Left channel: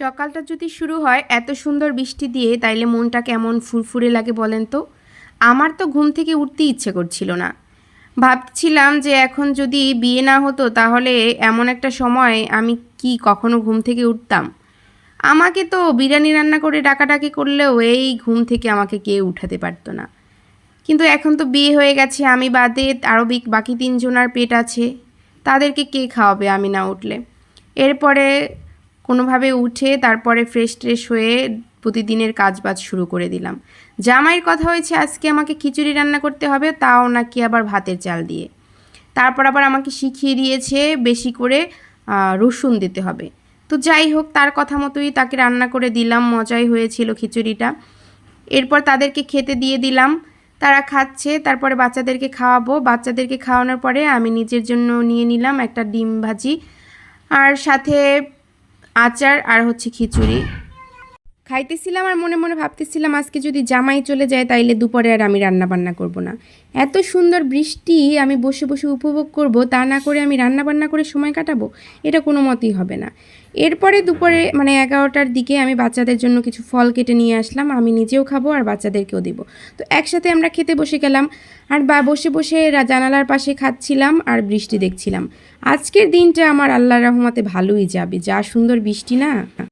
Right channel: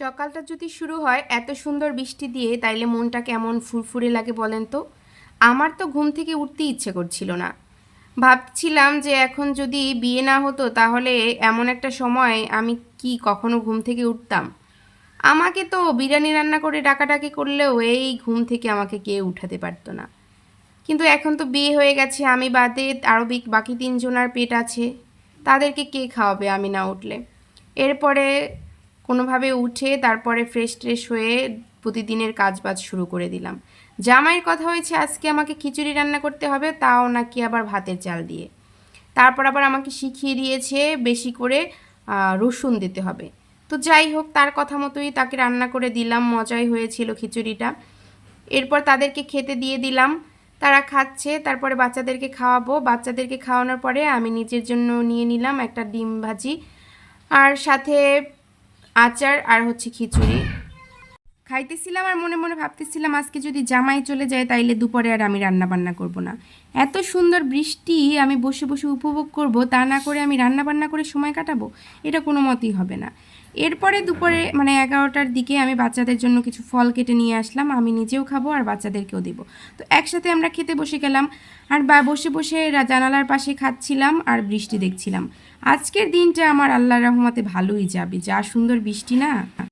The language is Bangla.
সকালটা যদি শুরু হয় এত সুন্দর বৃষ্টি দিয়ে তাইলে মনটা কেমন ফুরফুরে লাগে বলেন তো। আমার তো ঘুম থেকে উঠতে ইচ্ছে করছিল না। ভাবছিলাম যে এখন যদি বিয়ে না হতো তাহলে এমন একটা সময় আমি কি কখনো ঘুম থেকে উঠতাম। আমাকে তো বিরিয়ানি রান্না করে ডাকাডাকি করলেও এই ঘুম থেকে আমাকে কেউ উঠাতে পারতো না। কিন্তু এখন তো বিয়ে হয়ে গেছে, আমি বাদে আরও বাকি তিনজনার পেট আছে, তাদেরকে কে খাওয়াবে আমি না উঠলে। এরপরে কোনোভাবে উঠে তারপরে ফ্রেশ ট্রেশ হয়ে প্রতিদিনের কাজবাজ শুরু করে দিলাম। জামাইয়ের কথা হয়েছে আজকে আমাকে খিচুড়ি রান্না করতে হবে, তাও নাকি আবার ভাতের চাল দিয়ে। তারপর আবার আমাকে শিখিয়ে দিয়েছে বেশি করে রসুন দিতে হবে। তো যাই হোক, তার কথা মতোই তাকে রান্না করে দিলাম, মজাই হয়েছিল খিচুড়িটা। এরপর তাদেরকে খেতে দিয়ে দিলাম, তারা খাচ্ছে, তারপরে বাচ্চাদেরকে খাওয়াবো। বাচ্চাদেরকে খাওয়ানোর পরে আমি নিজের জন্য নিয়ে নিলাম একটা ডিম ভাজি, আর সাথে আচার আর হচ্ছে খিচুড়ি খাইতেছিলাম। আর মনে মনে ভাবতেছিলাম আজকে যদি জামাই চলে যায় তাইলে দুপুরে আর আমি রান্না বান্না করব না। এত সুন্দর বৃষ্টি আমি বসে বসে উপভোগ করব, তা না করে আমি রান্না বান্না করে সময় কাটাবো, এটা কোনো মতেই হবে না। এরপরে দুপুরে মানে 11টার দিকে আমি বাচ্চাদের জন্য কিছু ফল কেটে নিয়ে আসলাম, আমি নিজেও খাবো আর বাচ্চাদেরকেও দেবো। তো একসাথে আমরা খেতে বসে গেলাম, আর বসে বসে জানালার পাশে খাচ্ছিলাম আর বৃষ্টি দেখছিলাম। আজকের দিনটা আমার আল্লাহর রহমতে ভালোই যাবে, যা সুন্দর বৃষ্টি না।